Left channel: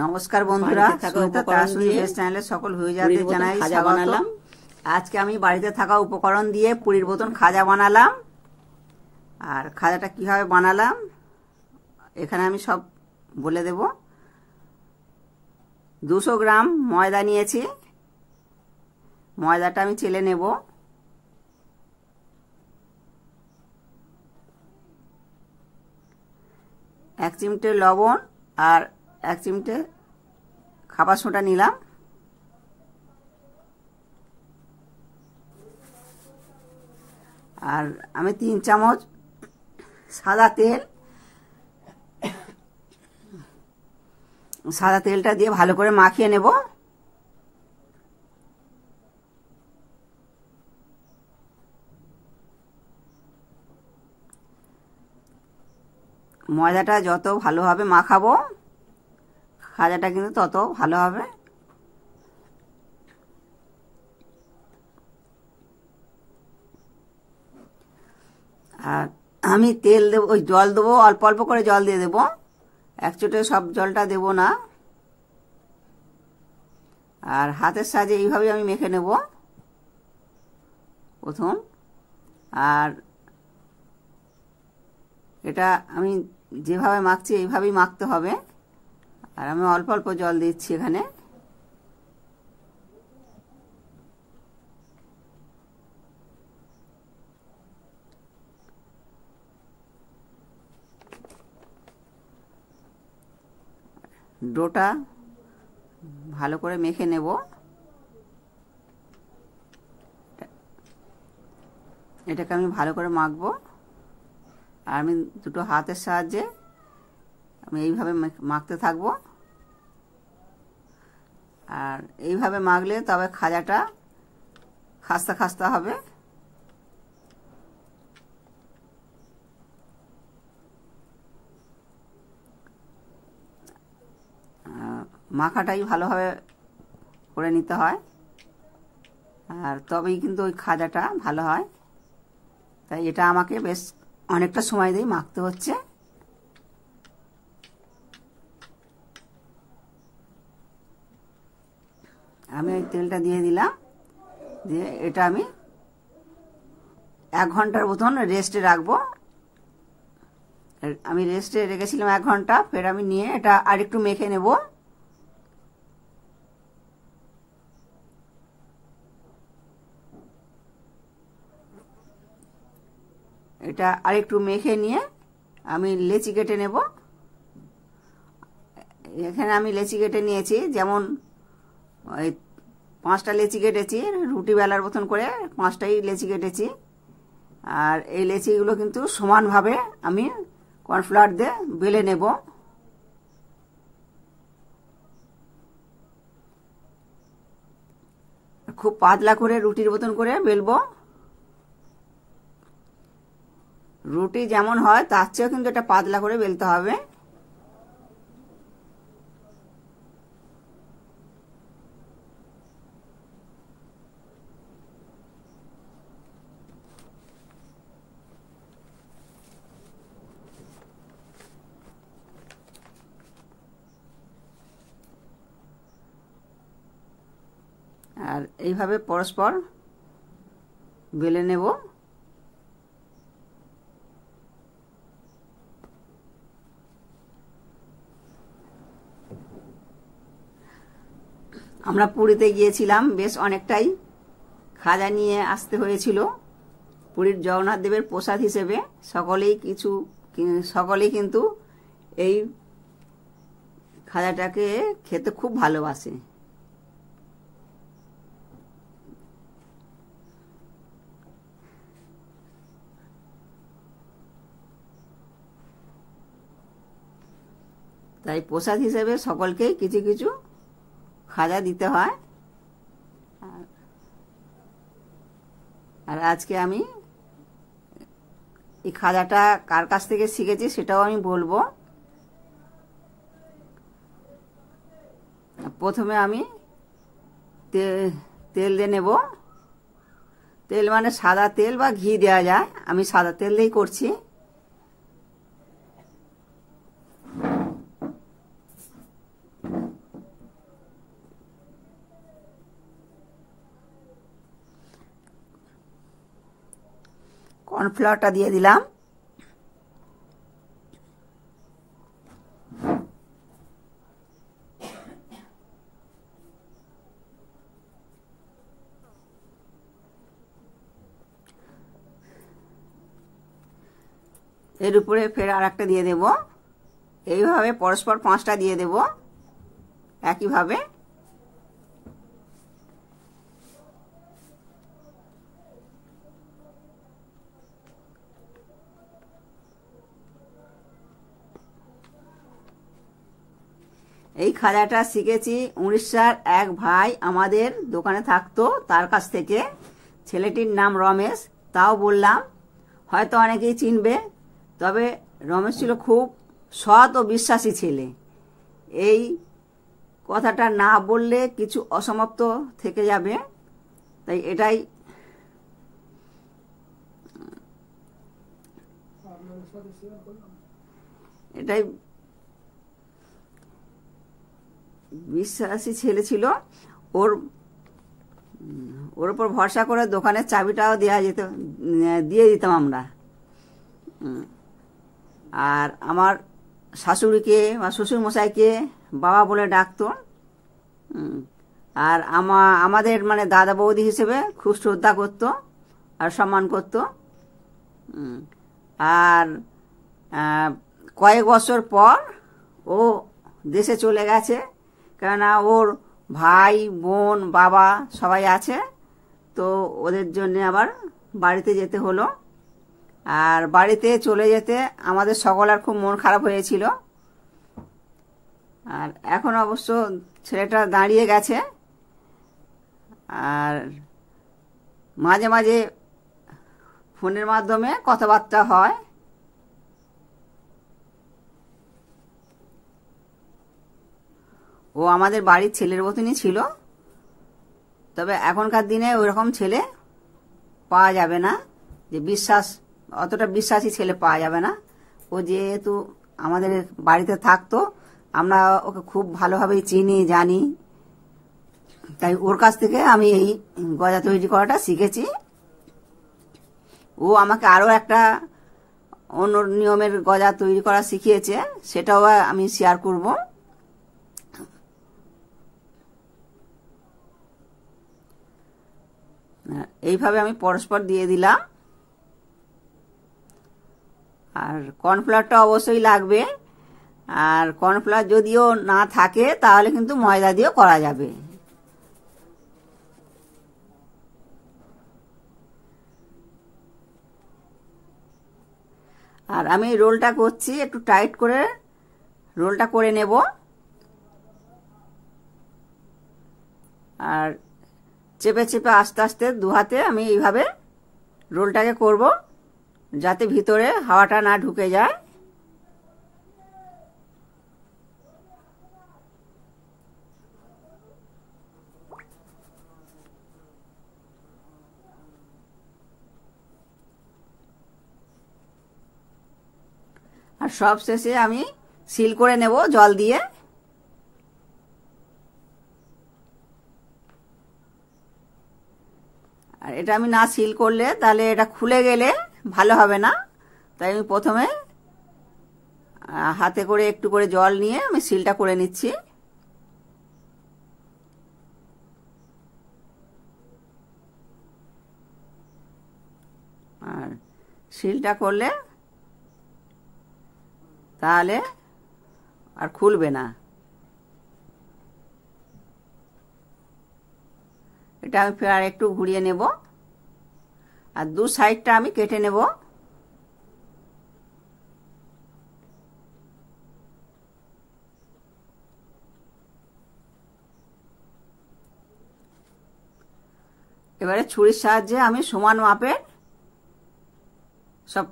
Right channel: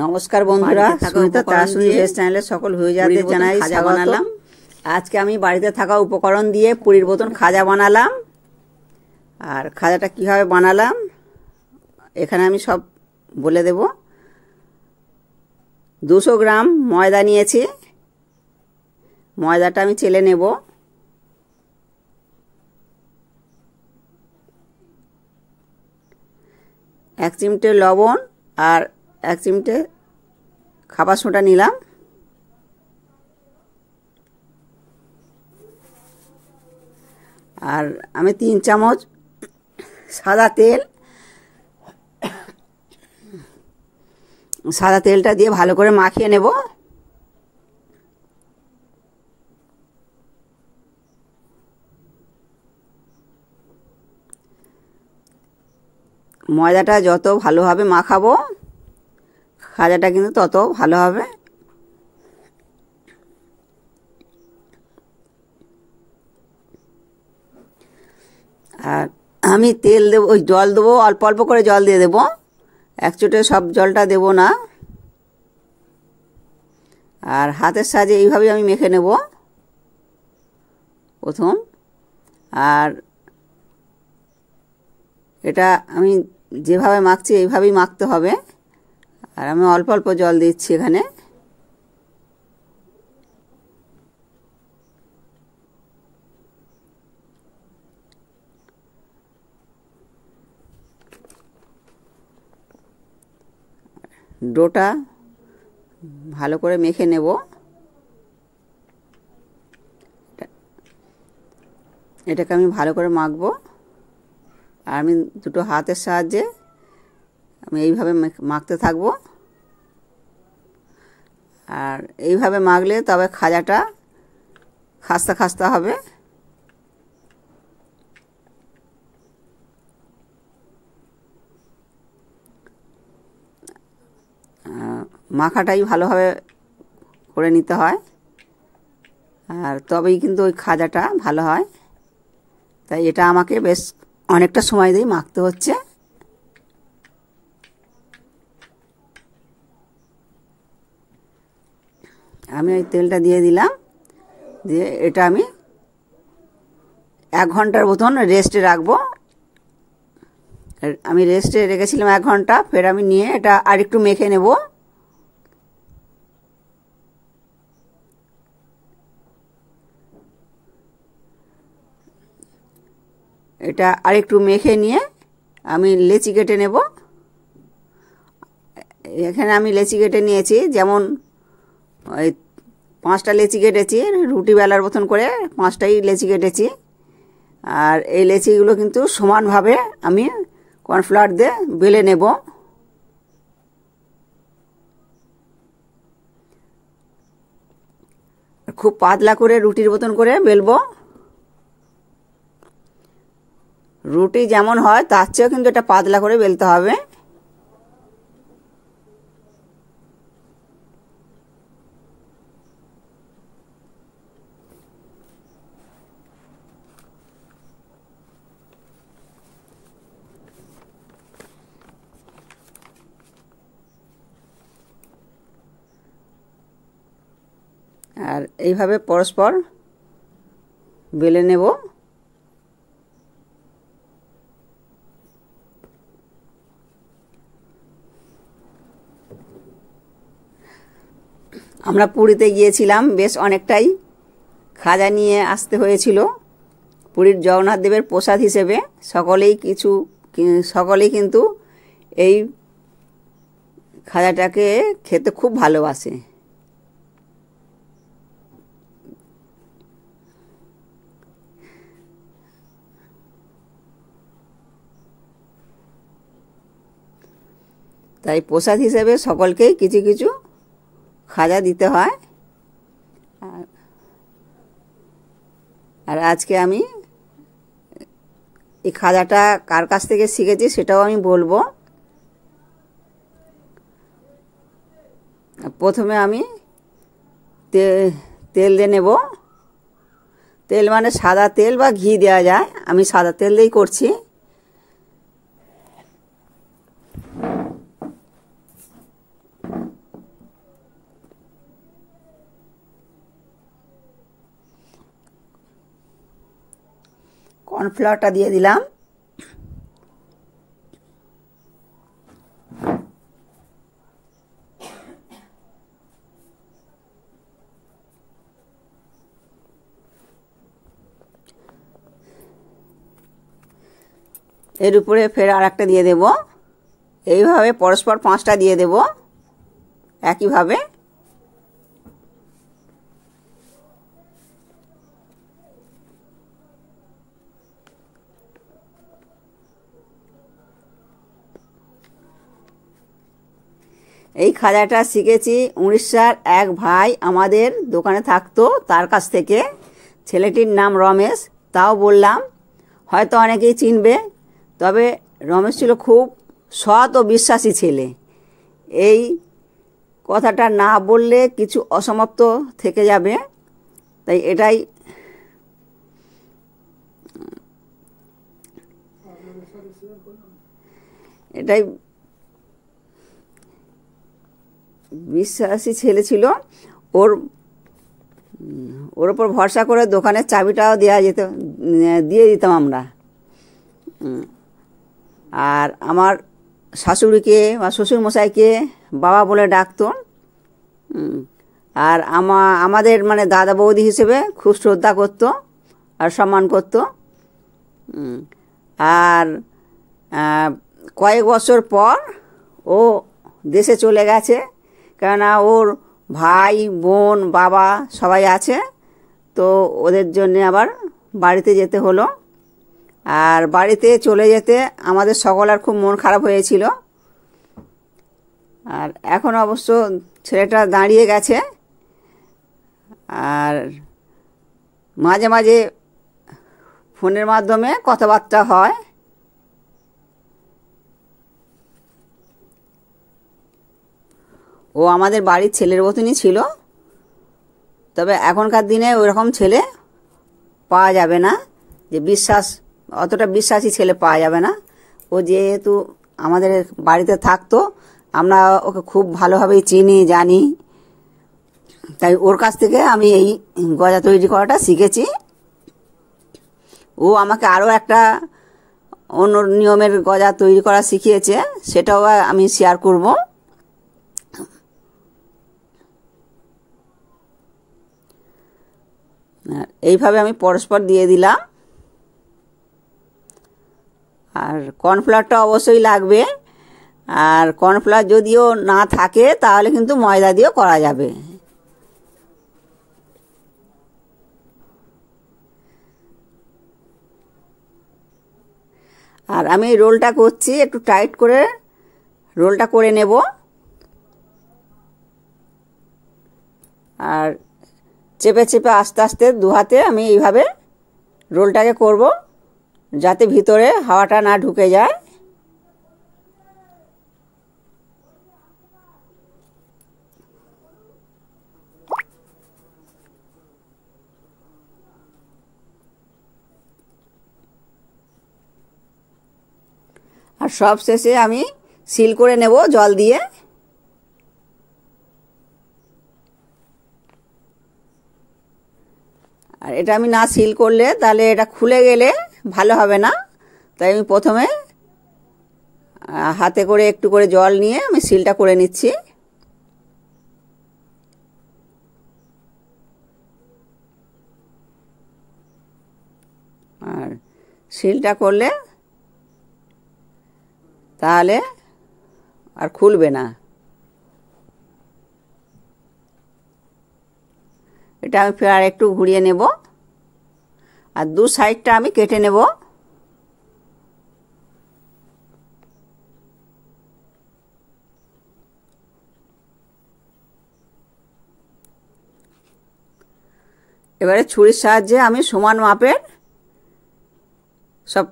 নমস্কার বন্ধুরা, সুনিতা তারাসুনি ভেজ চ্যানেলে সকল ভিউয়ারদের জানাই স্বাগত। আজকে আমি বাড়িতে থাকা উপকরণ দিয়ে পুরীর মতন খাজা বানালাম। আর খাজাটা কিভাবে বানালাম এখানে আমি সব বলে দেব। 200 গ্রাম ময়দা নিয়েছি, ময়দাটা আমি চেলে নেব। এক চিমটে লবণ আর 1 চিমটে খাবার সোডা নিলাম। আর আমি 3 চামচ সাদা তেলটা দিয়ে ভালো করে মাখিয়ে নেব। ময়দাটা যত ভালোভাবে মাখাবো খাজাটা কিন্তু তত ভালো হবে। আর আমি তেল দেবো, ওই জল দেবো, অল্প অল্প করে জল দিয়ে দেবো, এক চুটে সব জলটা দেব না। আর হাতের সাহায্যে এইভাবেই আমি মেখে নেব প্রথম। আর এটা আমি যেভাবে মাখছি এইভাবেই মাখতে হবে। আর আমি অল্প অল্প জল দিচ্ছি এখানে। ডোটা ভালো করে মেখে নেব। এটাকে আমি ভালো করে মাখবো। আর আমি দুটো হাতের সাহায্যে আমি এইভাবে মাখতে থাকবো। আর এইভাবে মাখলে তবে খাজাটা খাস্তা খাস্তা হবে। মাখাটাই ভালোভাবে করে নিতে হয়, আর তবেই কিন্তু ওই খাজাটা ভালো হয়। তাই এটা আমাকে বেশ অনেকটা সময় দিয়ে মাখতে হচ্ছে। আমি ওই তেলটা দিয়ে দিলাম, দিয়ে এটা আমি 1 ঘন্টার মতন রেস্টে রাখবো। আমি রেস্টে রেখেছিলাম 1 ঘন্টা, ফের আমি নিয়ে এটা আরেকটু মেখে নেব। এটা আরেকটু মেখে নিয়ে আমি লেচি কেটে নেব। এখানে আমি লেচি কেটে নিয়েছি, যেমন ওই 5টা লেচি কেটেছি, রুটি বেলার মতন করে 5টাই লেচি কেটেছি। আর এই লেচিগুলো কিন্তু সমানভাবে আমি কর্নফ্লাওয়ার দিয়ে বেলে নেব। খুব পাতলা করে রুটির মতন করে বেলবো। রুটি যেমন হয় তার চেয়েও কিন্তু এটা পাতলা করে বেলতে হবে। আর এইভাবে পরস্পর বেলে নেব। আমরা পুরীতে গিয়েছিলাম, বেশ অনেকটাই খাজা নিয়ে আসতে হয়েছিল পুরীর জগন্নাথ দেবের প্রসাদ হিসেবে। সকলেই কিন্তু এই খাজাটাকে খেতে খুব ভালোবাসে। তাই প্রসাদ হিসেবে সকলকেই কিছু কিছু খাজা দিতে হয়। আর আজকে আমি এই খাজাটা কার কাছ থেকে শিখেছি সেটাও আমি বলবো। প্রথমে আমি তেল দিয়ে নেব। তেল মানে সাদা তেল বা ঘি দেওয়া যায়, আমি সাদা তেল দিয়েই করছি। কর্নফ্লাওয়ারটা দিয়ে দিলাম। এর উপরে ফের আর একটা দিয়ে দেব। এইভাবে পরস্পর 5টা দিয়ে দেব একইভাবে। এই খাজাটা শিখেছি উড়িষ্যার এক ভাই আমাদের দোকানে থাকতো, তার কাছ থেকে। ছেলেটির নাম রমেশ। তাও বললাম, হয়তো অনেকেই চিনবে। তবে রমেশ ছিল খুব সৎ ও বিশ্বাসী ছেলে। এই কথাটা না বললে কিছু অসমাপ্ত থেকে যাবে, তাই এটাই বিশ্বাসী ছেলে ছিল। ওর ওপর ভরসা করে দোকানের চাবিটাও দিয়ে দিতাম আমরা। আর আমার শাশুড়িকে বা শ্বশুরমশাইকে বাবা বলে ডাকতো। আর আমাদের মানে দাদা বৌদি হিসেবে খুব শ্রদ্ধা করতো আর সম্মান করতো। আর কয়েক বছর পর ও দেশে চলে গেছে, কেননা ওর ভাই বোন বাবা সবাই আছে, তো ওদের জন্য আবার বাড়িতে যেতে হলো। আর বাড়িতে চলে যেতে আমাদের সকলের খুব মন খারাপ হয়েছিল। আর এখন অবশ্য ছেলেটা দাঁড়িয়ে গেছে। আর মাঝে মাঝে ফোনের মাধ্যমে কথাবার্তা হয়। ও আমাদের বাড়ির ছেলের মতনই ছিল। তবে এখনকার দিনে ওইরকম ছেলে পাওয়া যাবে না, যে অতটা বিশ্বাসী ছেলে পাওয়া যাবে না। ও যেহেতু আমাদের বাড়িতে থাকতো, আমরা ওকে খুব ভালোভাবেই চিনি জানি, তাই ওর কাছ থেকে আমি এই গজা তৈরি করাটা শিখেছি। ও আমাকে আরও একটা অন্য নিয়মের গজা তৈরি করা শিখিয়েছে, সেটাও আমি শেয়ার করব। এইভাবে আমি পরস্পর দিয়ে দিলাম। আর কর্নফ্লাওয়ারটা অবশ্যই লাগবে। আর কর্নফ্লাওয়ার যদিও না থাকে তাহলে কিন্তু ময়দা দিয়েও করা যাবে। আর আমি রোলটা করছি, একটু টাইট করে রোলটা করে নেব। আর চেপে চেপে আস্তে আস্তে দু হাতে আমি এইভাবে রোলটাকে করব, যাতে ভিতরে হাওয়াটা না ঢুকে যায়। আর সব শেষে আমি সিল করে নেব জল দিয়ে। আর এটা আমি না সিল করলে তাহলে এটা খুলে গেলে ভালো হবে না, তাই আমি প্রথমে হাতে করে একটু করে জল নিয়ে আমি সিলটা করে নিচ্ছি। আর সিলটা করলে তাহলে আর খুলবে না। এটা আমি ফের আর একটু ঘুরিয়ে নেব। আর দু সাইডটা আমি কেটে নেব। এবারে ছুরির সাহায্যে আমি সমান মাপের সব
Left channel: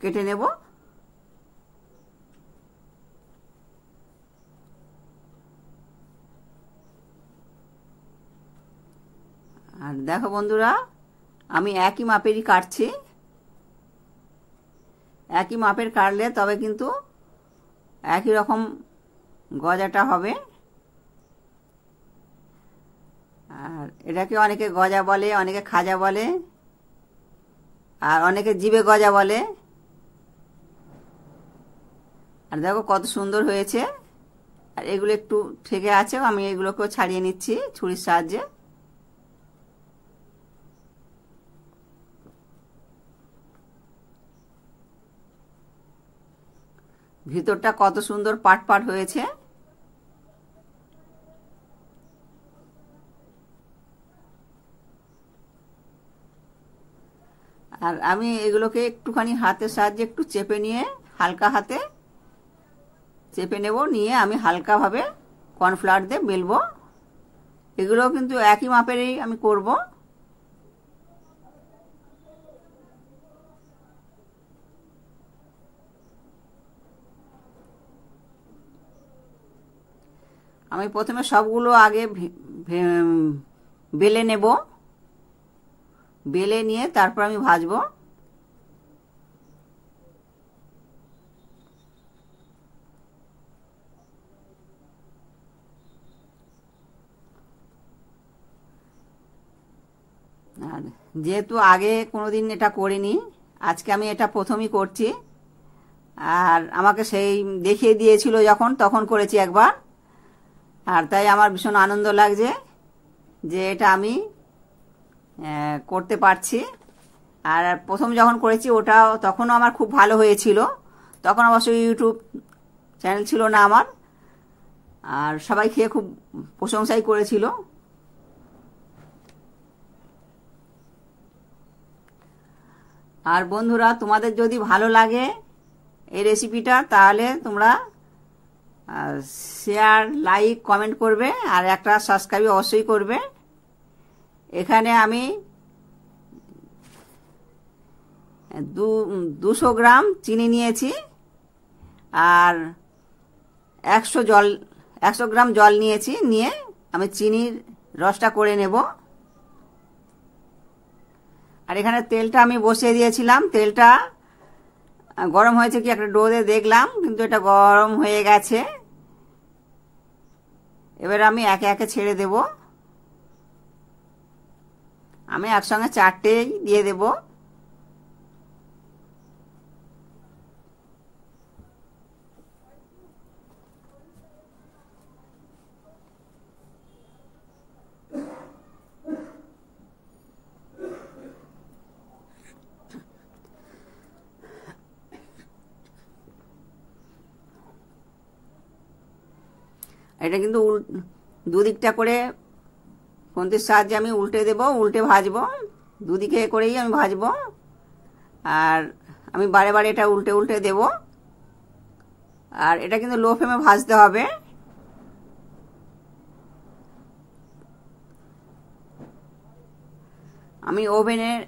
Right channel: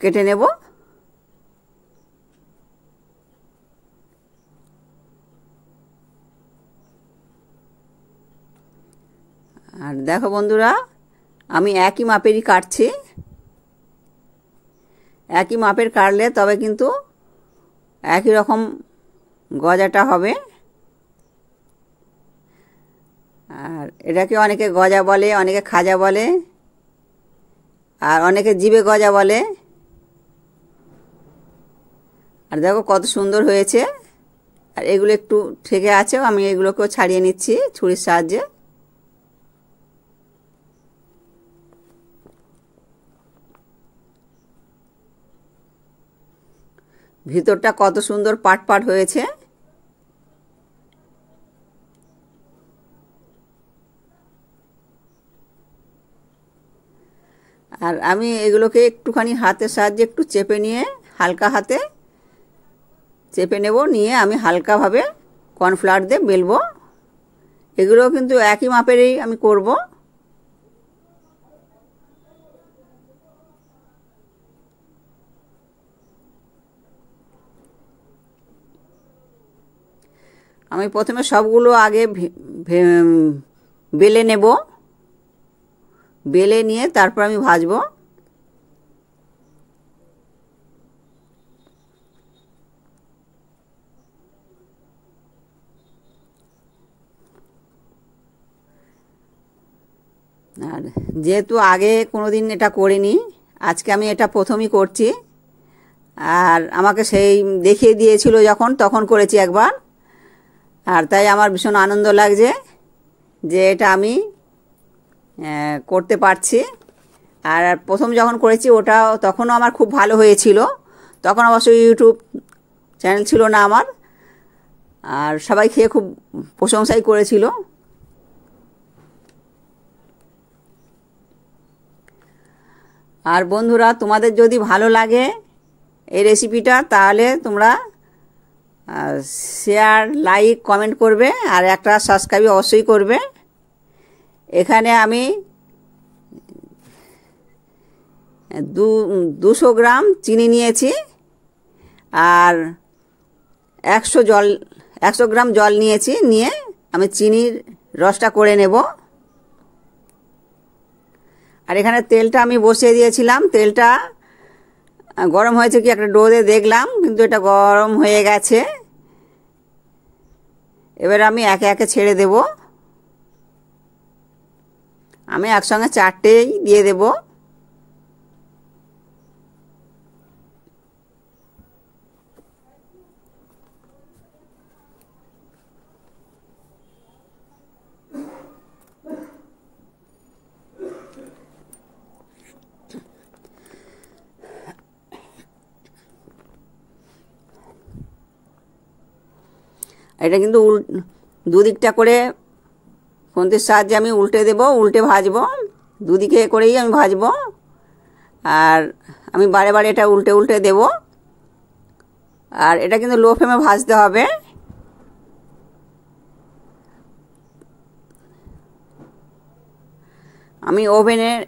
কেটে নেব। আর দেখো বন্ধুরা, আমি একই মাপেরই কাটছি। একই মাপের কাটলে তবে কিন্তু একই রকম গজাটা হবে। আর এটাকে অনেকে গজা বলে, অনেকে খাজা বলে, আর অনেকে জিভে গজা বলে। আর দেখো কত সুন্দর হয়েছে। আর এগুলো একটু থেকে আছে, আমি এগুলোকেও ছাড়িয়ে নিচ্ছি ছুরির সাহায্যে। ভিতরটা কত সুন্দর পাট পাট হয়েছে। আর আমি এগুলোকে একটুখানি হাতের সাহায্যে একটু চেপে নিয়ে, হালকা হাতে চেপে নেব, নিয়ে আমি হালকাভাবে কর্নফ্লাওয়ার দিয়ে বেলবো। এগুলো কিন্তু একই মাপেরই আমি করব। আমি প্রথমে সবগুলো আগে বেলে নেব, বেলে নিয়ে তারপর আমি ভাজবো। আর যেহেতু আগে কোনোদিন এটা করিনি, আজকে আমি এটা প্রথমই করছি। আর আমাকে সেই দেখিয়ে দিয়েছিল যখন, তখন করেছি একবার। আর তাই আমার ভীষণ আনন্দ লাগছে যে এটা আমি করতে পারছি। আর প্রথম যখন করেছি ওটাও তখনও আমার খুব ভালো হয়েছিল। তখন অবশ্য ইউটিউব চ্যানেল ছিল না আমার। আর সবাই খেয়ে খুব প্রশংসাই করেছিল। আর বন্ধুরা, তোমাদের যদি ভালো লাগে এই রেসিপিটা, তাহলে তোমরা শেয়ার, লাইক, কমেন্ট করবে। আর একটা সাবস্ক্রাইব অবশ্যই করবে। এখানে আমি 200 গ্রাম চিনি নিয়েছি। আর 100 গ্রাম জল নিয়েছি। নিয়ে আমি চিনির রসটা করে নেব। আর এখানে তেলটা আমি বসিয়ে দিয়েছিলাম। তেলটা গরম হয়েছে কি একটা ডোতে দেখলাম, কিন্তু এটা গরম হয়ে গেছে। এবার আমি একে একে ছেড়ে দেব। আমি একসঙ্গে 4টেই দিয়ে দেব। এটা কিন্তু দুদিকটা করে খুন্তির সাহায্যে আমি উল্টে দেব, উল্টে ভাজবো। দুদিকে করেই আমি ভাজবো। আর আমি বারে বারে এটা উল্টে উল্টে দেব। আর এটা কিন্তু লো ফ্লেমে ভাজতে হবে। আমি ওভেনের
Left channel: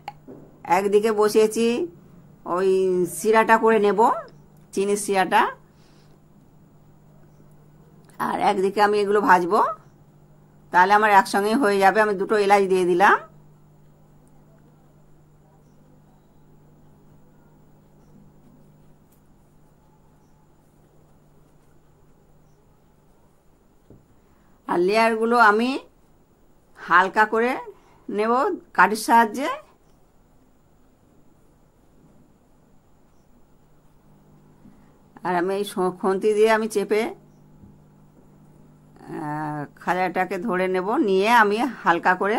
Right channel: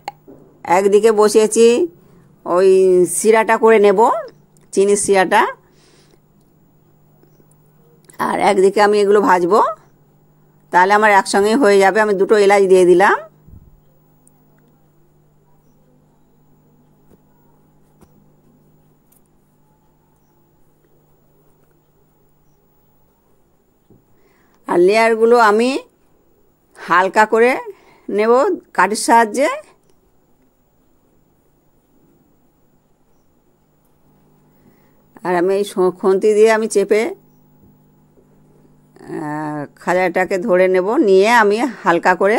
একদিকে বসিয়েছি ওই শিরাটা করে নেব, চিনির শিরাটা। আর একদিকে আমি এগুলো ভাজবো, তাহলে আমার একসঙ্গেই হয়ে যাবে। আমি 2টো এলাচ দিয়ে দিলাম। আর লেয়ারগুলো আমি হালকা করে নেব কাঠির সাহায্যে। আর আমি এই খুন্তি দিয়ে আমি চেপে খাজাটাকে ধরে নেব, নিয়ে আমি হালকা করে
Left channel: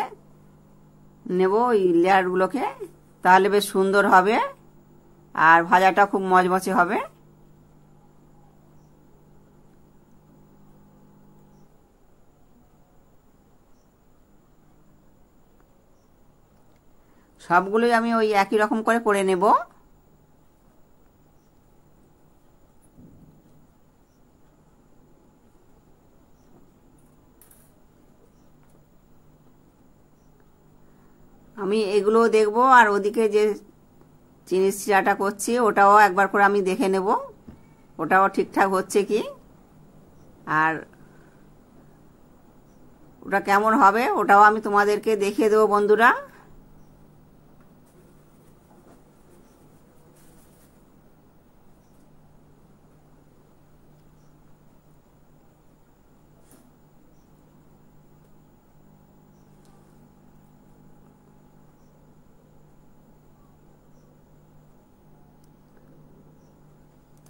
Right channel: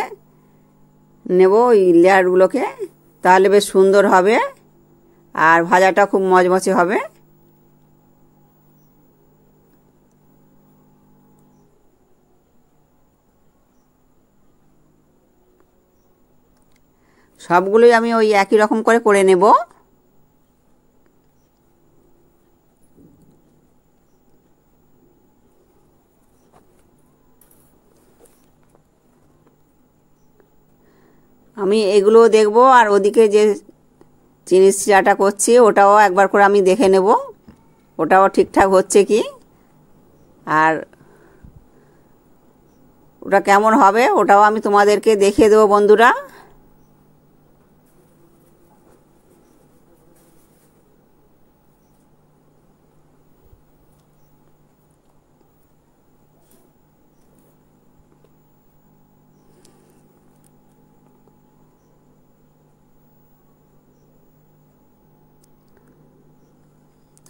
নেব ওই লেয়ারগুলোকে। তাহলে বেশ সুন্দর হবে আর ভাজাটা খুব মচমচে হবে। সবগুলোই আমি ওই একই রকম করে নেব। আমি এগুলো দেখব। আর ওদিকে যে চিনির শিরাটা করছি ওটাও একবার করে আমি দেখে নেব, ওটাও ঠিকঠাক হচ্ছে কি, আর ওটা কেমন হবে ওটাও আমি তোমাদেরকে দেখিয়ে দেবো বন্ধুরা।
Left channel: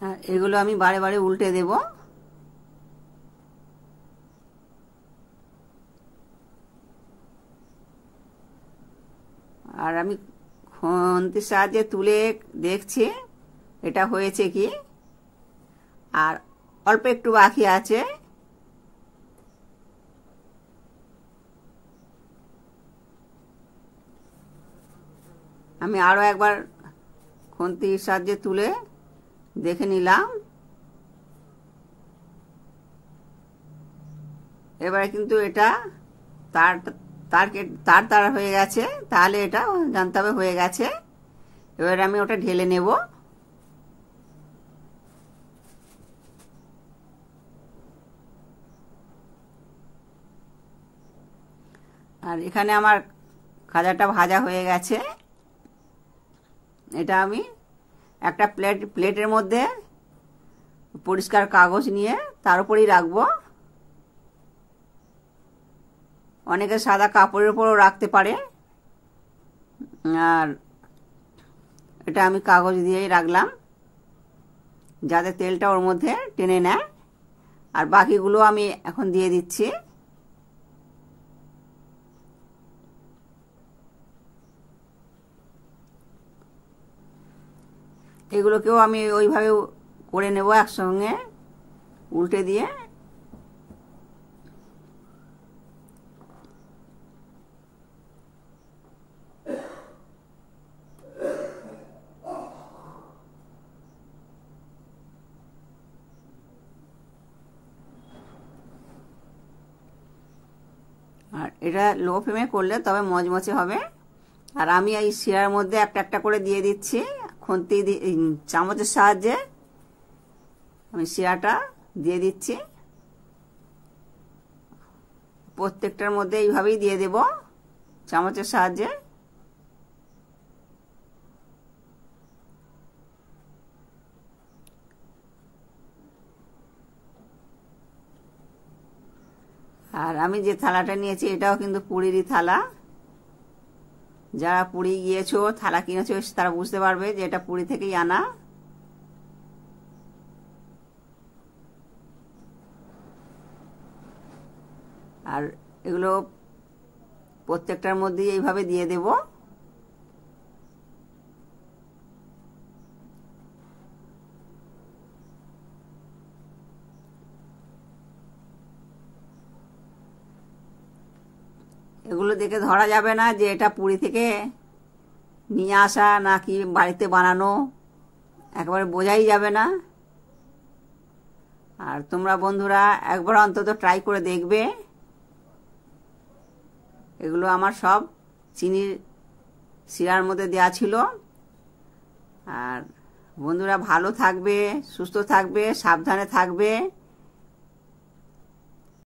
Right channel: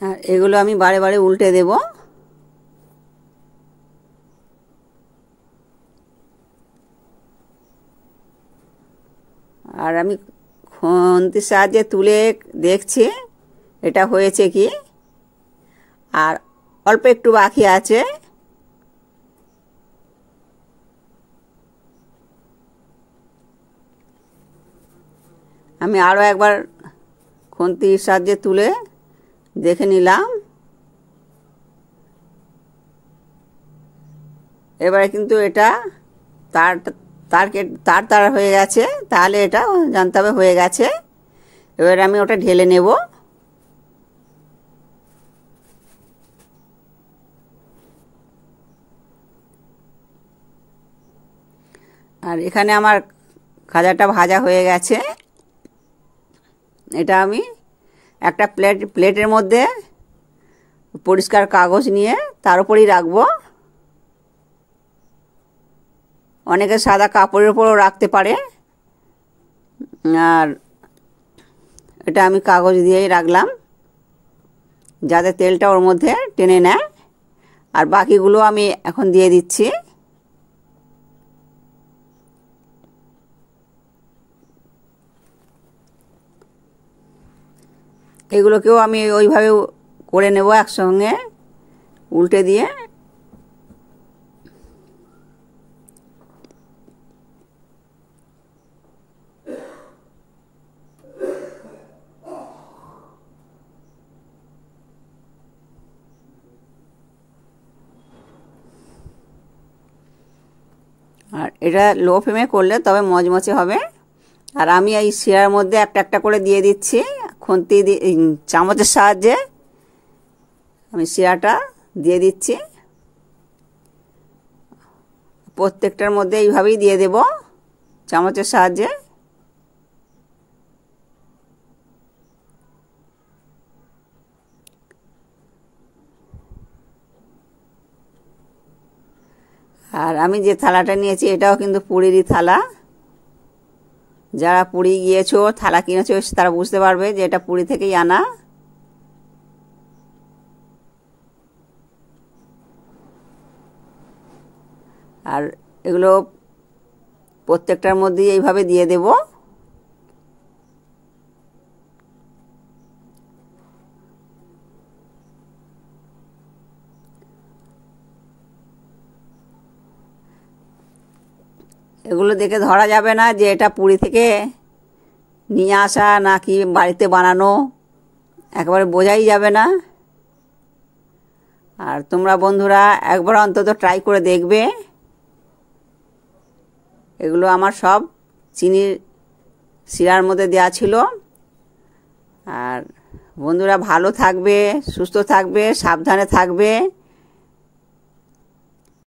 আর এগুলো আমি বারে বারে উল্টে দেব। আর আমি খুন্তির সাহায্যে তুলে দেখছি এটা হয়েছে কি, আর অল্প একটু বাকি আছে। আমি আরও একবার খুন্তির সাহায্যে তুলে দেখে নিলাম। এবারে কিন্তু এটা তার তার তার হয়ে গেছে, তাহলে এটা জানতে হবে হয়ে গেছে। এবারে আমি ওটা ঢেলে নেব। আর এখানে আমার খাজাটা ভাজা হয়ে গেছে। এটা আমি একটা প্লেটের মধ্যে পরিষ্কার কাগজ নিয়ে তার উপরেই রাখবো। অনেকে সাদা কাপড়ের উপরও রাখতে পারে, আর এটা আমি কাগজ দিয়েই রাখলাম যাতে তেলটা ওর মধ্যে টেনে নেয়। আর বাকিগুলো আমি এখন দিয়ে দিচ্ছি। এগুলোকেও আমি ওইভাবে করে নেব একসঙ্গে উল্টে দিয়ে। আর এটা লো ফ্লেমে করলে তবে মচমচে হবে। আর আমি এই শিরার মধ্যে একটা একটা করে দিয়ে দিচ্ছি খুন্তি চামচের সাহায্যে। আমি শিরাটা দিয়ে দিচ্ছি, প্রত্যেকটার মধ্যে এইভাবেই দিয়ে দেব চামচের সাহায্যে। আর আমি যে থালাটা নিয়েছি এটাও কিন্তু পুরীরই থালা। যারা পুরী গিয়েছো, থালা কিনেছো, তারা বুঝতে পারবে যে এটা পুরী থেকেই আনা। আর এগুলো প্রত্যেকটার মধ্যেই এইভাবে দিয়ে দেব। এগুলো দেখে ধরা যাবে না যে এটা পুরী থেকে নিয়ে আসা নাকি বাড়িতে বানানো, একেবারে বোঝাই যাবে না। আর তোমরা বন্ধুরা একবার অন্তত ট্রাই করে দেখবে। এগুলো আমার সব চিনির শিরার মধ্যে দেওয়া ছিল। আর বন্ধুরা ভালো থাকবে, সুস্থ থাকবে, সাবধানে থাকবে।